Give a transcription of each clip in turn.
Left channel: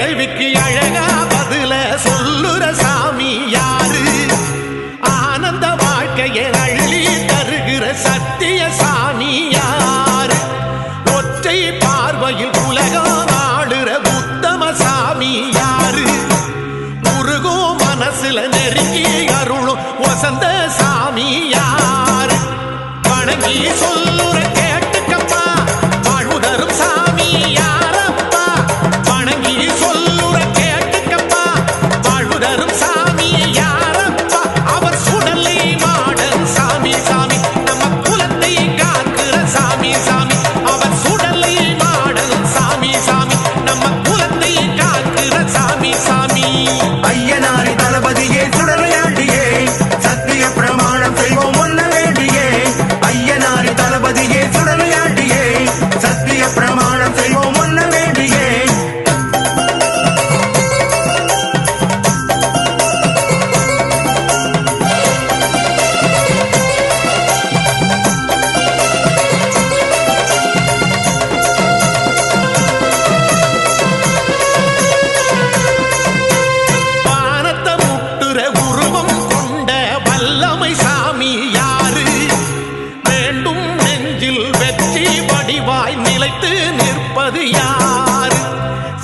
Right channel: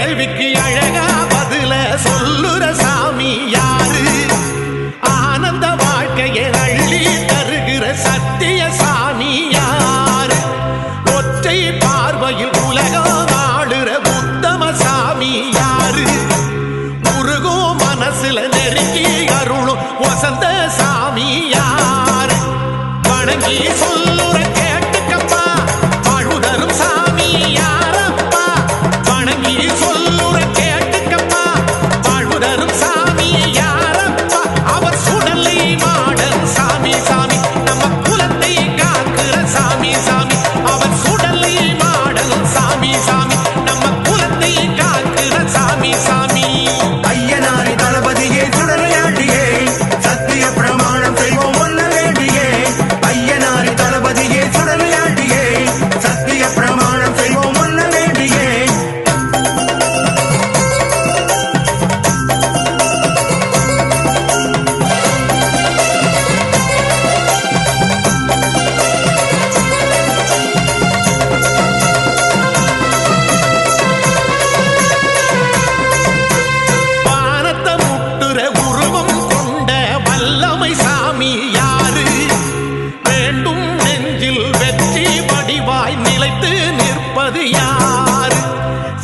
கேள்விக்கு அழகா பதில சொல்லுற சாமி யாரு? ஆனந்த வாழ்க்கையை அள்ளி தருகிற சத்திய சாமி யாரு? ஒற்றை பார்வையில் உலகம் ஆளுற உத்தம சாமி யாரு? முருகோ மனசுல நெருங்கி அருளும் வசந்த சாமி யாரு? வணங்கி சொல்லுற கேட்டுக்கப்பா வாழ்வுதரும் சாமி வடிவாய் நிலைத்து நிற்பது யாரு?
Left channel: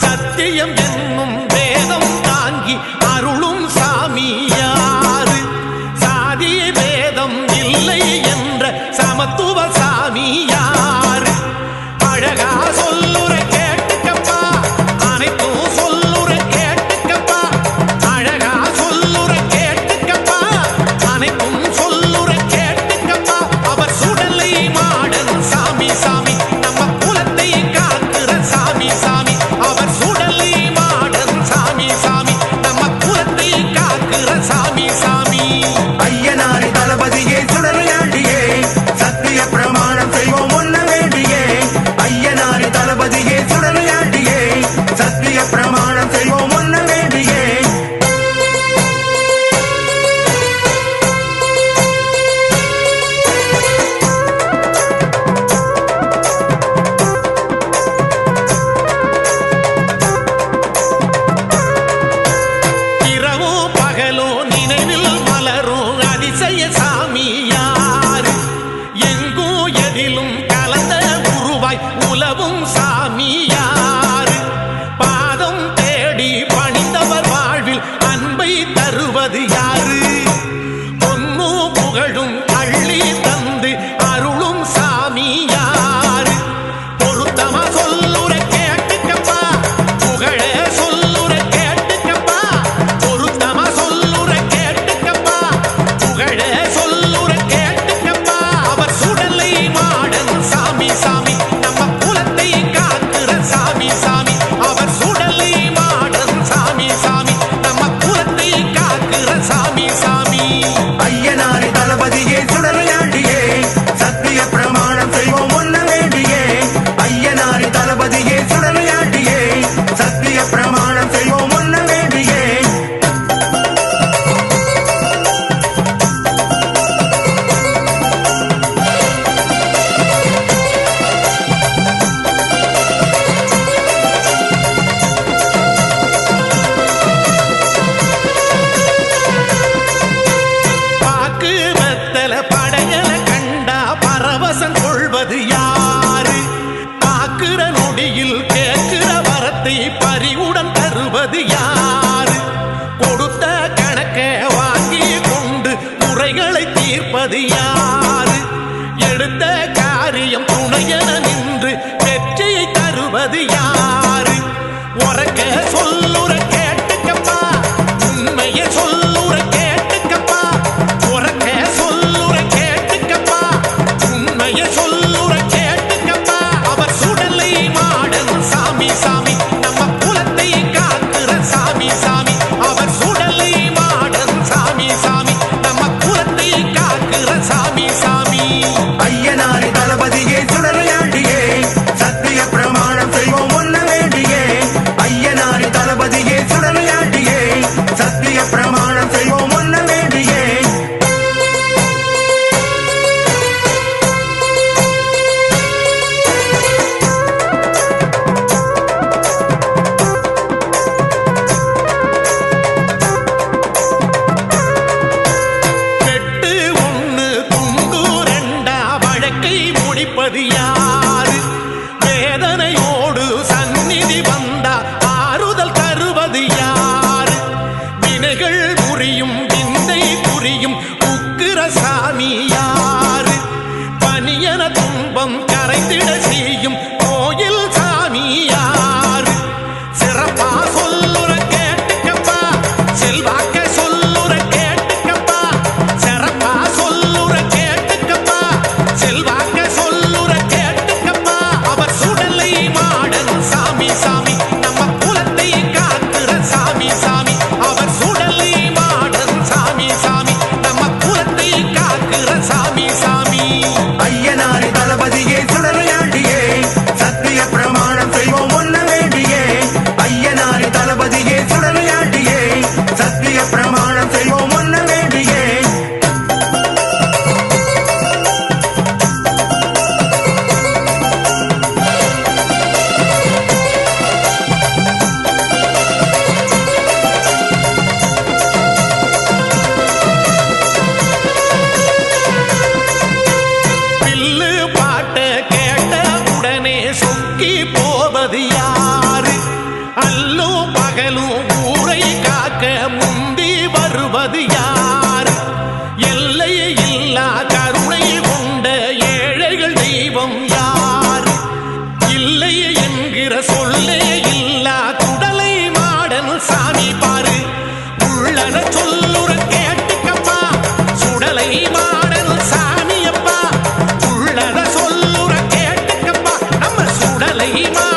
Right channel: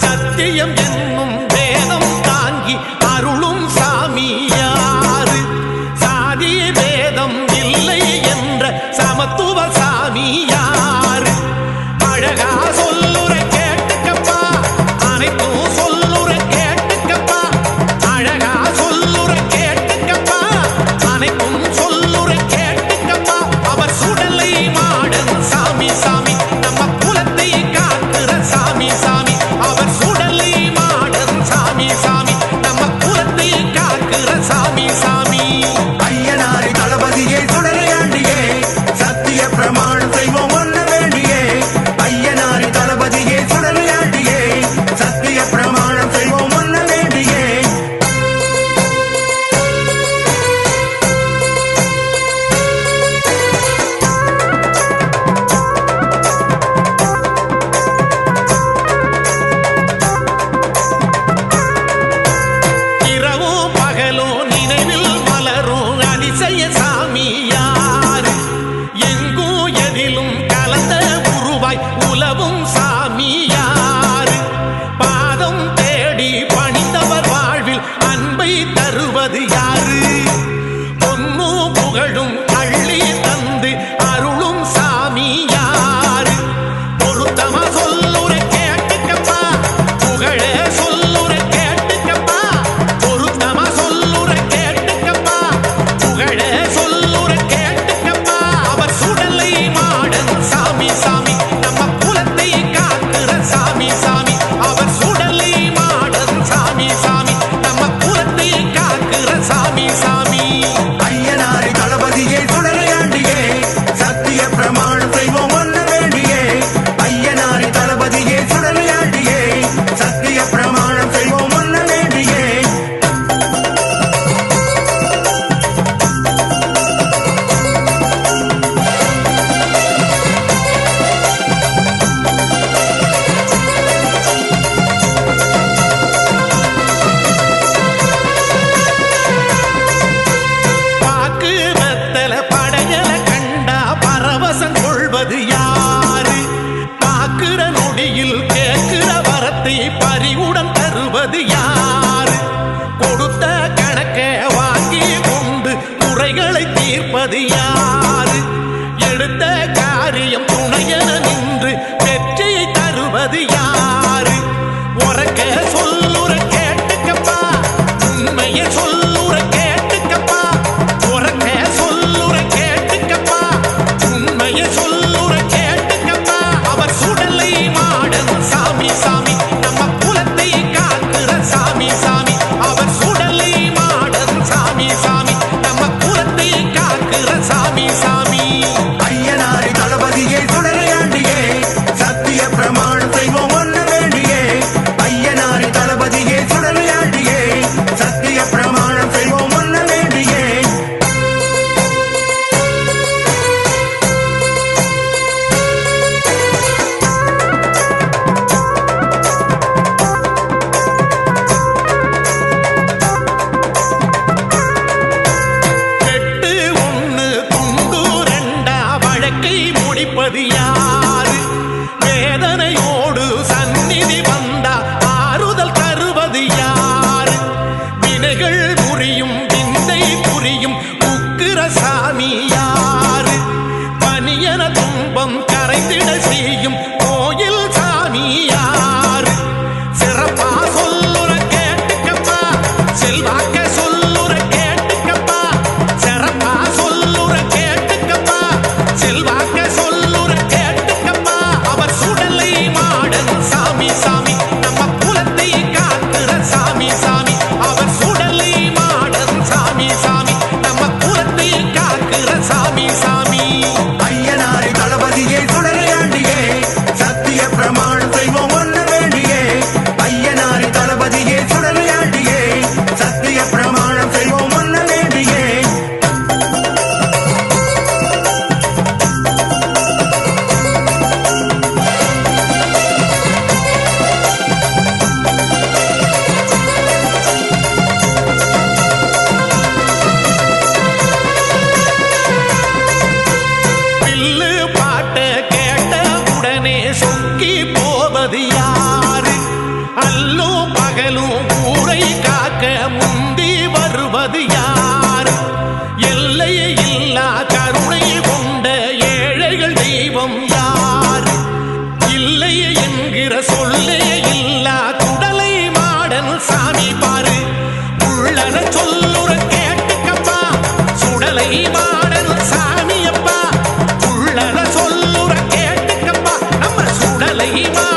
சத்தியம் என்னும் வேதம் தாங்கி அருளும் சாமி யாரு? சாதி வேதம் இல்லை என்ற சமத்துவ சாமி யாரு? அழகா சொல்லுற கேட்டுக்கப்பா அனைத்தும் எங்கும் கலந்த உருவாய் உலவும் சாமியாறு பாதம் தேடி பணிந்தவர் வாழ்வில் அன்பை தருவது யாரு? பொன்னும் புகழும் அள்ளி தந்து நாக்கு வெத்தல படையல கண்டா பரவசம் கொள்வது யாரு? பாக்குற நொடியில் கேட்கிற வரத்தை பறிவுடன் தருவது யாரு? கொடுத்த கணக்க வாங்கி கொண்டு குறைகளை தீர்ப்பது யாரு? எடுத்த காரியம் துணையென நின்று வெற்றியை தருவது யாரு? உறக்க சொல்லுற கேட்டுக்கப்பா உண்மையை சொல்லுற கேட்டு சொல்லுற கேட்டுக்கப்பா. அவர் சுடலை மாடன் சாமி சாமி. புரிவது யாரு? வேதனையோடு சந்நிதி வந்தா ஆறுதல் தருவது யாரு? வினைகள் புரியும் விந்தை புரியும் உக்கிர சாமி யாரு? பனியன துன்பம் கரைந்திட செய்யும் கோயில் சாமி யாரு? சிறப்பா சொல்லுற கேட்டுக்கப்பா செல்வாக்க சொல்லுற கேட்டுக்கப்பா சிறப்பா சுடலை மாடன் சாமி சாமி. நம்ம குலத்தை காக்குற சாமி சாமி. அவர் சுடலை மாடன் சாமி சாமி. நம்ம குலத்தை காக்குற சாமி சாமி. ஐயனாரி தளபதியே சுடலையாண்டியே சத்திய பிரமாணம் செய்வோம் ஒன்ன வேண்டியே. ஐயனாரி சத்திய சொக்கி போவது யாரு? அல்லும் பகலும் ஊரை காக்க முந்தி வருவது யாரு? எல்லை இல்லா கருணை கொண்ட ஏழைகள் தெய்வம் யாரு? இல்லை என்கிற சொல்லே இல்லா குடலை மாடன் சாமி பாரு. உள்ளத சொல்லுற கேட்டுக்கப்பா சுடலை மா சுடலை மாடன்